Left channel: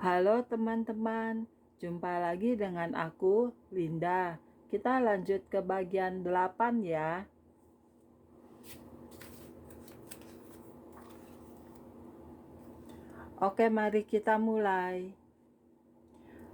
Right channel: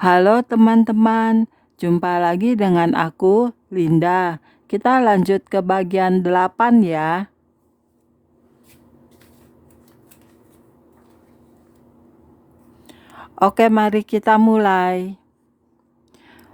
Halo teman-teman, jumpa lagi dengan aku, Linda. Kita lanjut ke bagian 8 ya. Oke, mari kita mulai.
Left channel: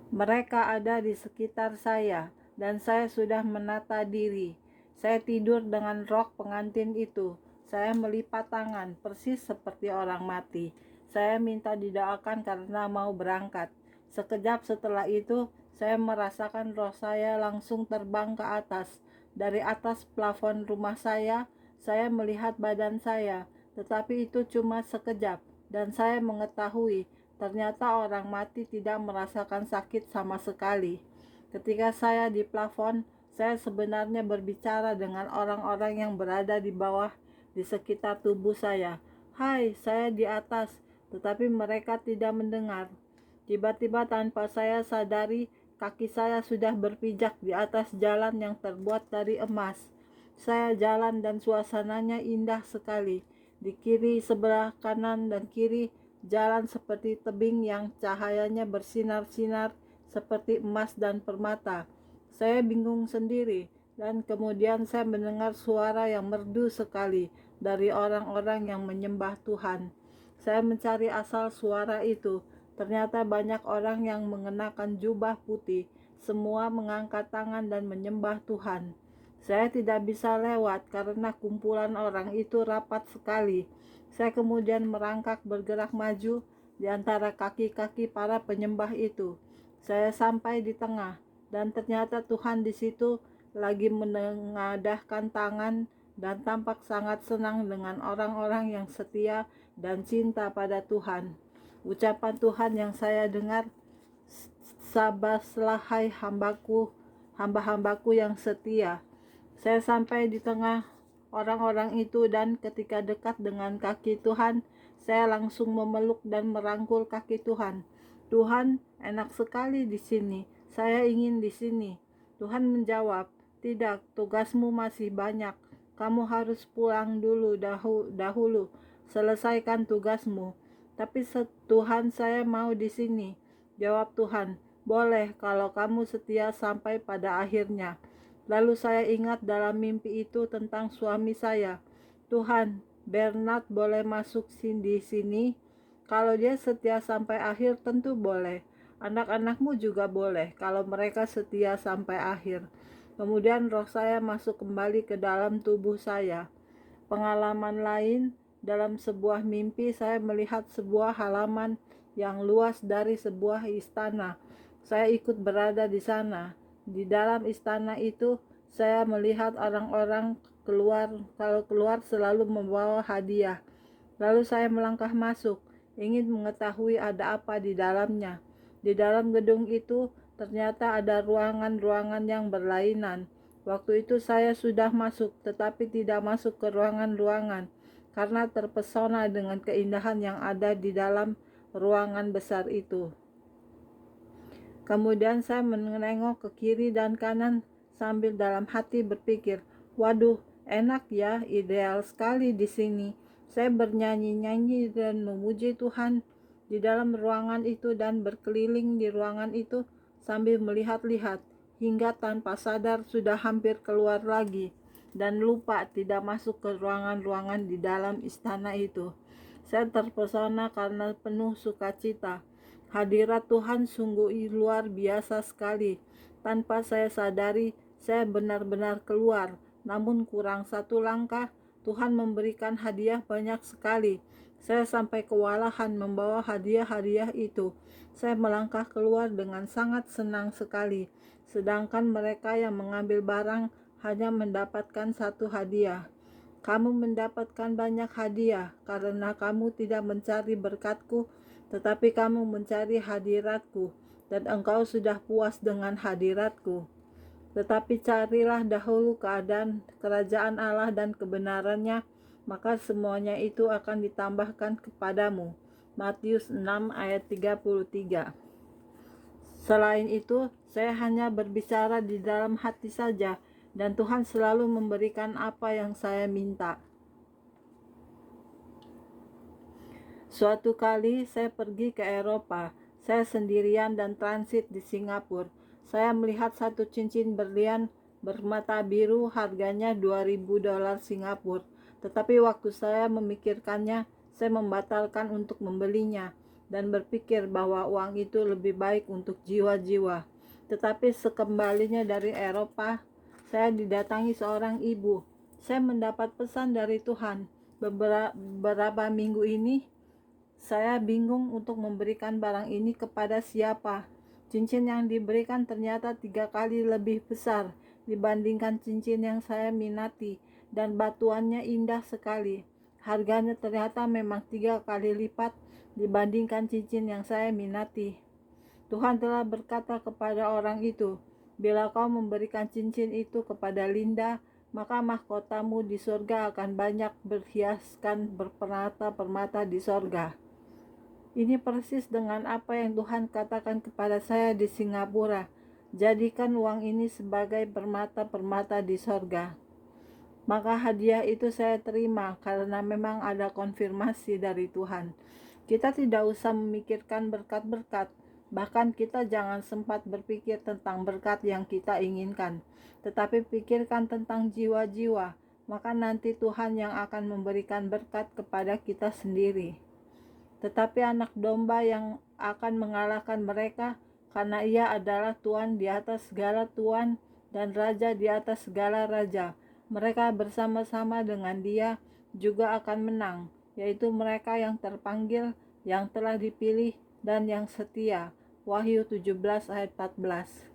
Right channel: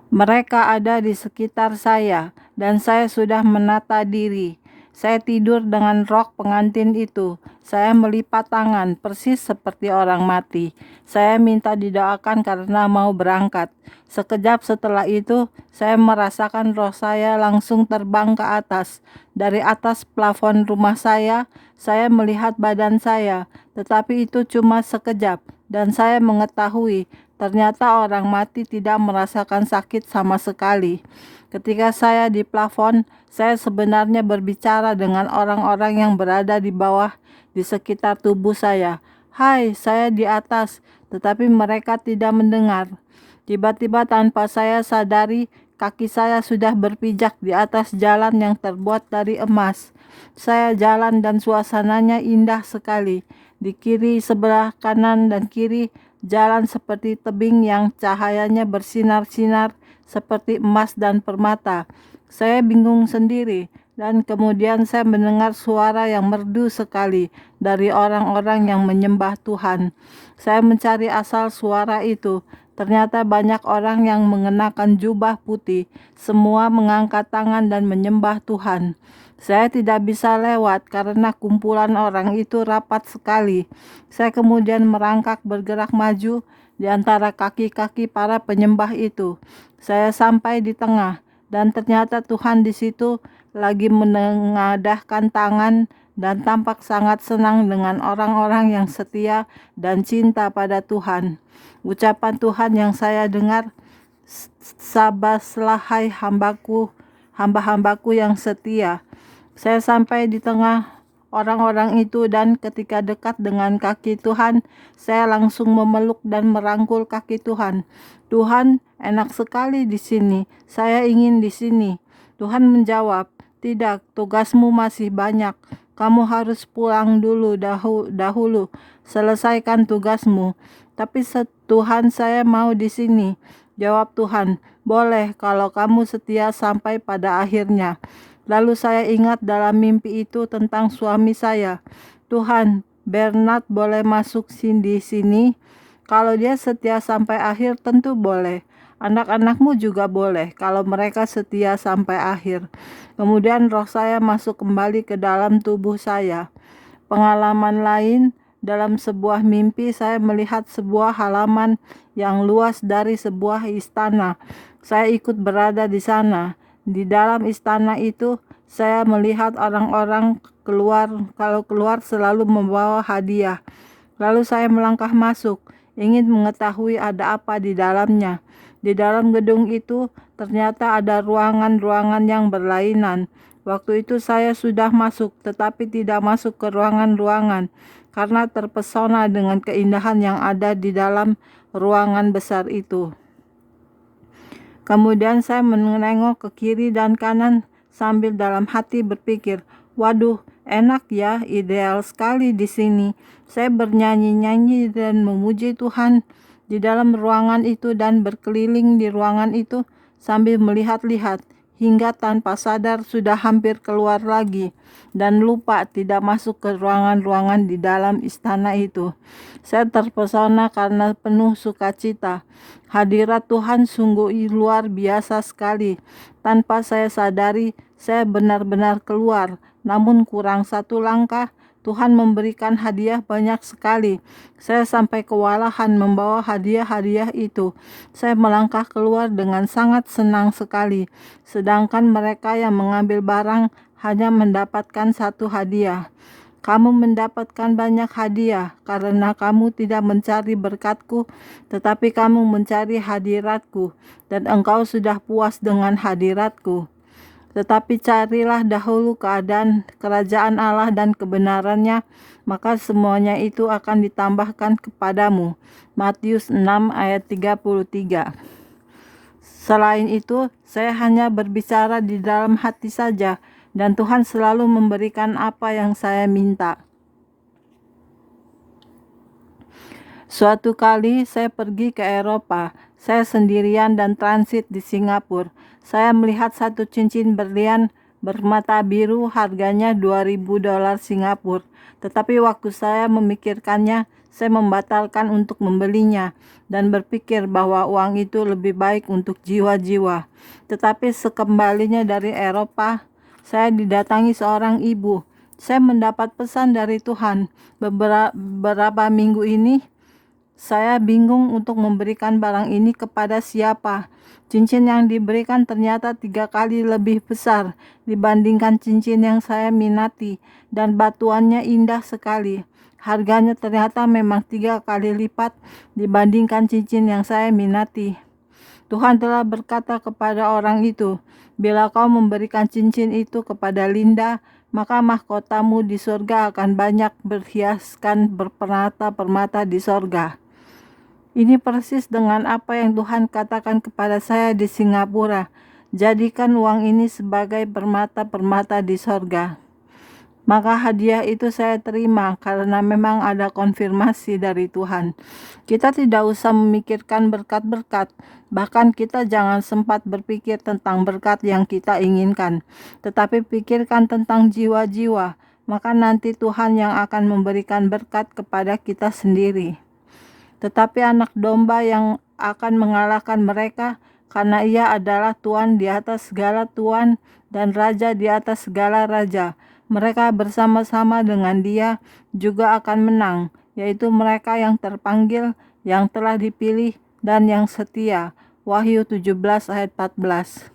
Mereka ada di sekitar saya, dan saya sudah menata diri. Saya tidur dengan rok pengantin itu. Saya melipat tangan, persis seperti orang mati. Saya minta didoakan karena mau berangkat. Sekejap setelah itu, saya merasakan roh saya langsung terbang ke atas. Dari atas plafon rumah saya melihat badan saya, tetapi itu cuma sekejap, dan saya mengetahui ternyata orang mati tidak merasakan sakit sama sekali. Ketika saya di plafon, saya sebenarnya berbicara dengan orang-orang yang berada di bawah di sekitar tubuh saya. Hai, saya di atas, tetapi mereka tidak mendengar. Tiba-tiba tanpa saya sadari, kaki saya sudah berpijak di atas jalan yang terbuat dari emas. Saya jalan dan suasananya indah sekali. Di kiri, sebelah kanan dan kiri, jalan seperti tebing yang cahayanya bersinar-sinar seperti emas dan permata. Saya bingung sendiri, dan kemudian saya mendengar suara yang merdu sekali dari orang-orang yang menyembah Tuhan. Saya mencari asal suara itu. Ternyata banyak orang yang mengenakan jubah putih, semua mengangkat tangan dan menyembah Tuhan. Saya tidak bisa lewat karena kumpulan orang itu rapat sekali. Saya kemudian merangkak bergerak maju di antara kaki-kaki para penyembah itu. Saya sampai di tengah, dan ternyata Tuhan di situ lagi menengadahkan tangan dan tampak sangat senang dengan orang-orang yang setia dan cinta pada Tuhan. Ucapan Tuhan yang saya dengar, "Sabaslah hai hambaku, hamba-hambaku yang setia." Saya sampai di tengah orang-orang itu, dan ketika dekat dengan kaki Tuhan, saya langsung memeluk dan merangkul kaki Tuhan. Tuhan, enak sekali di sini. Saya ingin di sini. Tuhan menjawab, tidak, tugasmu masih banyak. Kamu harus pulang dulu dahulu. Selesaikan tugasmu. Tapi Tuhan, saya mau di sini. Jawab Tuhan, boleh kalau kamu setia sampai pada akhirnya. Lalu saya ingat dalam mimpi itu tentang suami saya. Tuhan, Bernard boleh masuk di sini. Kalau dia setia sampai akhir tentu boleh. Anak-anakmu juga boleh kalau mereka setia sampai akhir. Kemudian roh saya masuk kembali ke dalam tubuh saya. Pengalaman lain, dalam sebuah mimpi saya melihat sebuah halaman yang luas dari sebuah istana. Saya ikut berada di sana. Di dalam istana itu, saya melihat orang-orang kalau keluar selalu membawa hadiah. Lalu saya melangkah masuk, ingin mengetahui ada apa di dalamnya. Di dalam gedung itu ternyata ada ruangan-ruangan yang berlainan. Waktu itu saya sudah masuk, tetapi tidak masuk ke ruangan-ruangan karena terpesona dengan keindahan yang ada di dalam ruangan besar itu. Kemudian saya menengok ke kiri dan kanan sambil dalam hati berpikir, waduh, enak ya, ideal sekali di sini. Saya bernyanyi-nyanyi dan memuji Tuhan di dalam ruangan itu dan berkeliling di ruangan itu sambil melihat-lihat hingga tanpa sadar sudah hampir keluar lagi dan lupa tidak masuk ke ruangan-ruangan di dalam istana itu. Saya terpesona karena penuh sukacita. Hadirat Tuhan sungguh luar biasa sekali. Tanpa saya sadari, saya benar-benar keluar. Namun kurang satu langkah, Tuhan memberikan hadiah banyak sekali. Saya sampai kewalahan membawa hadiah-hadiah itu. Saya melangkah keluar dengan sangat senang sekali. Sedangkan mereka yang mengambil barang hanya mendapatkan satu hadiah. Kamu mendapatkan banyak hadiah karena kamu tidak mencari berkat-Ku, tetapi kamu mencari hadirat-Ku, dan engkau sudah puas dengan hadirat-Ku. Tetapi carilah dahulu keadaan kerajaan Allah dan kebenarannya, maka semuanya itu akan ditambahkan kepadamu. Matius 6 ayat 33. Selain itu, saya hanya berbicara di dalam hati saja, dan Tuhan selalu memberikan apa yang saya minta. Suatu kali saya pergi ke Eropa. Saya sendirian dan transit di Singapura. Saya melihat satu cincin berlian bermata biru, harganya $2.000 Singapura. Tetapi waktu saya memikirkannya, saya membatalkan untuk membelinya dan berpikir bahwa uang itu lebih baik untuk jiwa-jiwa. Tetapi sekembalinya dari Eropa, saya didatangi seorang ibu. Saya mendapat pesan dari Tuhan. Beberapa minggu ini, saya bingung untuk memberikan barang ini kepada siapa. Cincin yang diberikan ternyata 3 kali lebih besar dibandingkan cincin yang saya minati, dan batuannya indah sekali. Harganya ternyata memang 3 kali lipat dibandingkan cincin yang saya minati. Tuhan telah berkata kepada orang itu, "Bila kau memberikan cincin itu kepada Linda, maka mahkotamu di surga akan banyak berhiaskan berpermata-permata di surga." Ini persis dengan apa yang Tuhan katakan kepada saya di Singapura. Jadikan uang ini sebagai permata-permata di sorga. Maka hadiah itu saya terima karena memang ada konfirmasi dari Tuhan. Kita tidak usah memikirkan berkat-berkat. Bahkan kita jangan sempat berpikir tentang berkat yang kita inginkan. Tetapi pikirkan tentang jiwa-jiwa. Maka nanti Tuhan yang akan memberikan berkat kepada kita sendiri. Tetapi anak domba yang akan mengalahkan mereka, karena ia adalah Tuhan di atas segala Tuhan dan Raja di atas segala Raja. Mereka bersama-sama dengan dia juga akan menang, yaitu mereka yang terpanggil, yang telah dipilih, dan yang setia. Wahyu 17 ayat 14.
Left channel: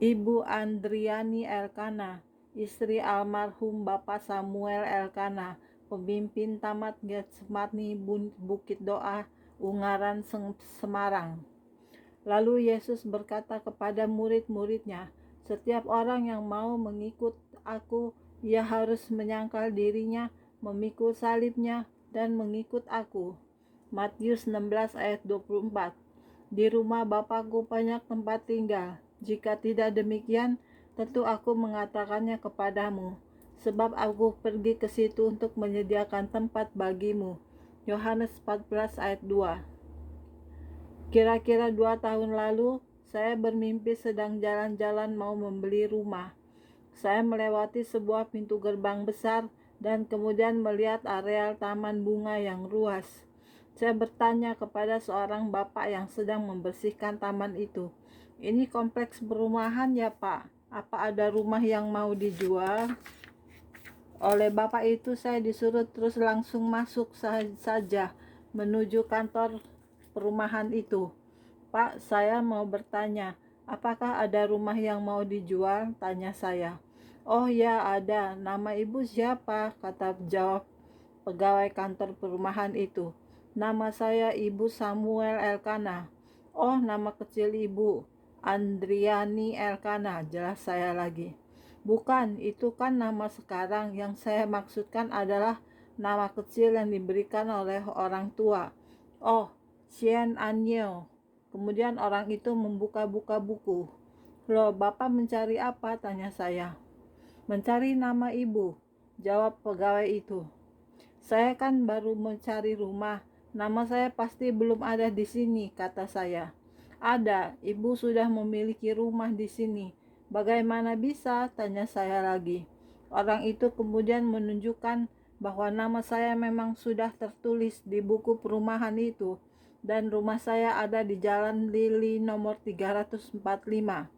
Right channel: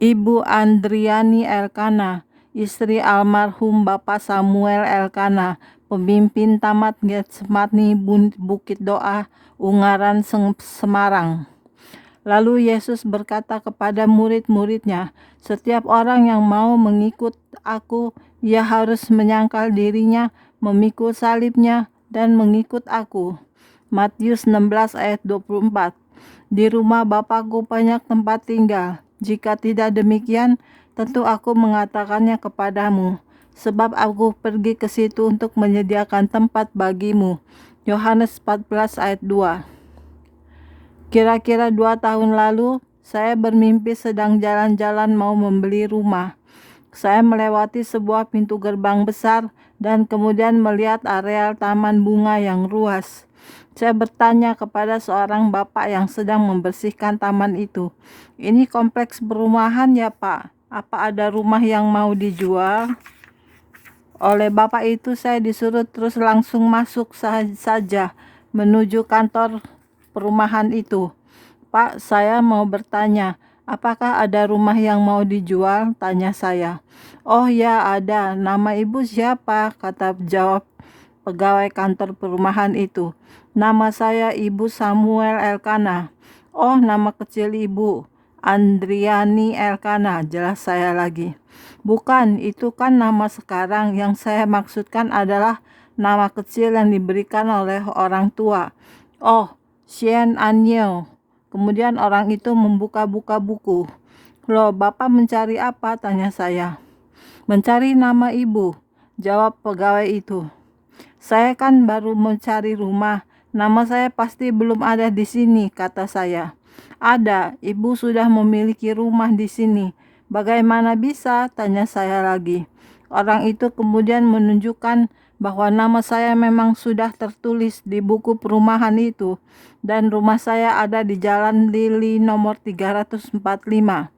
Ibu Andriani Elkana, istri almarhum Bapak Samuel Elkana, pemimpin Tamat Getsemani Bukit Doa, Ungaran, Semarang. Lalu Yesus berkata kepada murid-muridnya, "Setiap orang yang mau mengikut aku, ia harus menyangkal dirinya, memikul salibnya, dan mengikut aku." Matius 16 ayat 24. Di rumah Bapakku banyak tempat tinggal. Jika tidak demikian, tentu aku mengatakannya kepadamu, sebab aku pergi ke situ untuk menyediakan tempat bagimu. Yohanes 14 ayat 2. Kira-kira 2 tahun lalu, saya bermimpi sedang jalan-jalan mau membeli rumah. Saya melewati sebuah pintu gerbang besar dan kemudian melihat areal taman bunga yang luas. Saya bertanya kepada seorang bapak yang sedang membersihkan taman itu, "Ini kompleks perumahan ya Pak? Apa ada rumah yang mau dijual?" Oleh bapak itu saya disuruh terus langsung masuk saja menuju kantor perumahan itu. "Pak, saya mau bertanya, apakah ada rumah yang mau dijual?" tanya saya. "Oh ya, ada. Nama ibu siapa?" jawab pegawai kantor perumahan itu. "Nama saya Ibu Samuel Elkana." "Oh, nama kecil ibu?" "Andriani Elkana," jelas saya lagi. "Bukan, itu kan nama sekarang. Yang saya maksudkan adalah nama kecil yang diberikan oleh orang tua." "Oh, Sien Anyo." Kemudian orang itu membuka-buka buku. "Loh, Bapak mencari apa?" tanya saya. "Mencari nama ibu," jawab pegawai itu. "Saya kan baru mencari rumah. Nama saya pasti belum ada di sini," kata saya. "Ada, ibu sudah memiliki rumah di sini." "Bagaimana bisa?" tanya saya lagi. Orang itu kemudian menunjukkan bahwa nama saya memang sudah tertulis di buku perumahan itu, dan rumah saya ada di Jalan Lili nomor 345.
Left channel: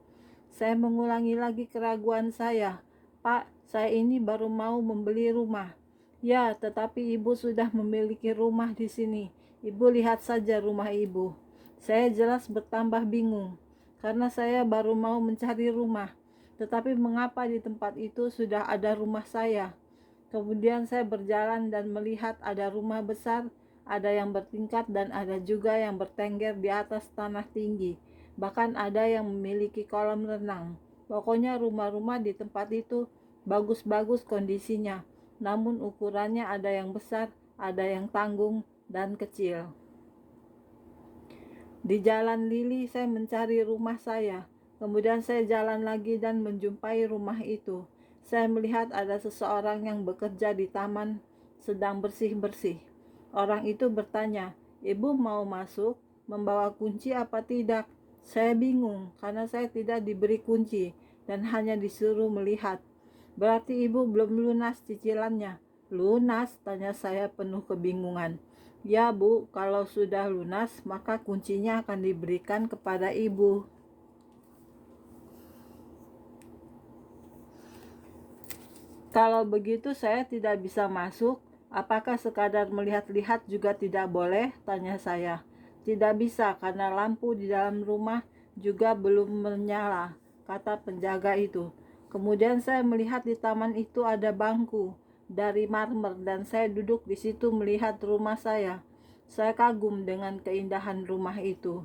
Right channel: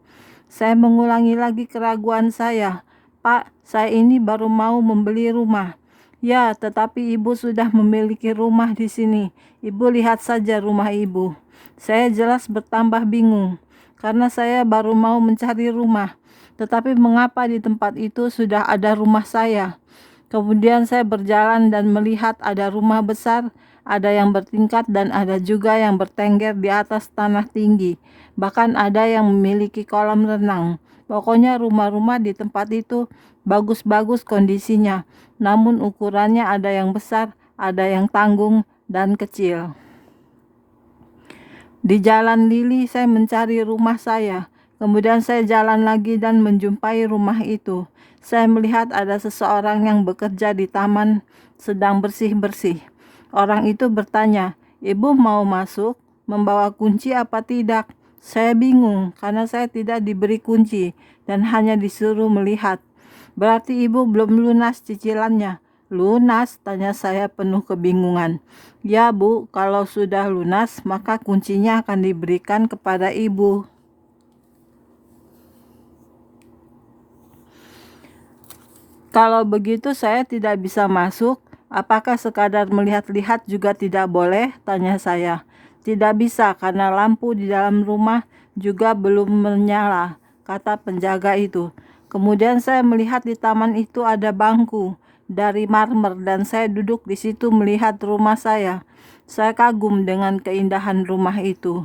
Saya mengulangi lagi keraguan saya. "Pak, saya ini baru mau membeli rumah." "Ya, tetapi ibu sudah memiliki rumah di sini. Ibu lihat saja rumah ibu." Saya jelas bertambah bingung, karena saya baru mau mencari rumah. Tetapi mengapa di tempat itu sudah ada rumah saya? Kemudian saya berjalan dan melihat ada rumah besar, ada yang bertingkat dan ada juga yang bertengger di atas tanah tinggi. Bahkan ada yang memiliki kolam renang. Pokoknya rumah-rumah di tempat itu bagus-bagus kondisinya. Namun ukurannya ada yang besar, ada yang tanggung, dan kecil. Di Jalan Lili saya mencari rumah saya. Kemudian saya jalan lagi dan menjumpai rumah itu. Saya melihat ada seseorang yang bekerja di taman sedang bersih-bersih. Orang itu bertanya, "Ibu mau masuk? Membawa kunci apa tidak?" Saya bingung karena saya tidak diberi kunci dan hanya disuruh melihat. "Berarti ibu belum lunas cicilannya?" "Lunas?" tanya saya penuh kebingungan. "Ya Bu, kalau sudah lunas maka kuncinya akan diberikan kepada ibu." "Kalau begitu saya tidak bisa masuk. Apakah sekadar melihat-lihat juga tidak boleh?" tanya saya. "Tidak bisa karena lampu di dalam rumah juga belum menyala," kata penjaga itu. Kemudian saya melihat di taman itu ada bangku dari marmer dan saya duduk di situ melihat rumah saya. Saya kagum dengan keindahan rumah itu.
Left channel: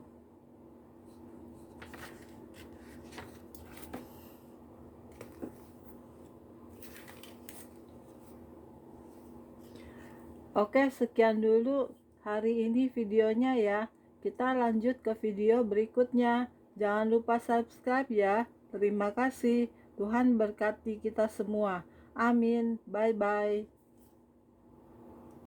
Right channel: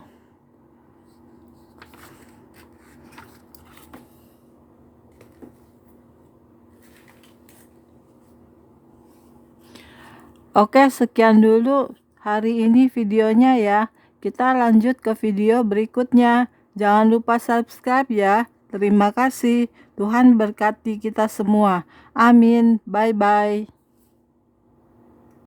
Oke, sekian dulu hari ini videonya ya. Kita lanjut ke video berikutnya. Jangan lupa subscribe ya. Terima kasih. Tuhan berkati kita semua. Amin. Bye-bye.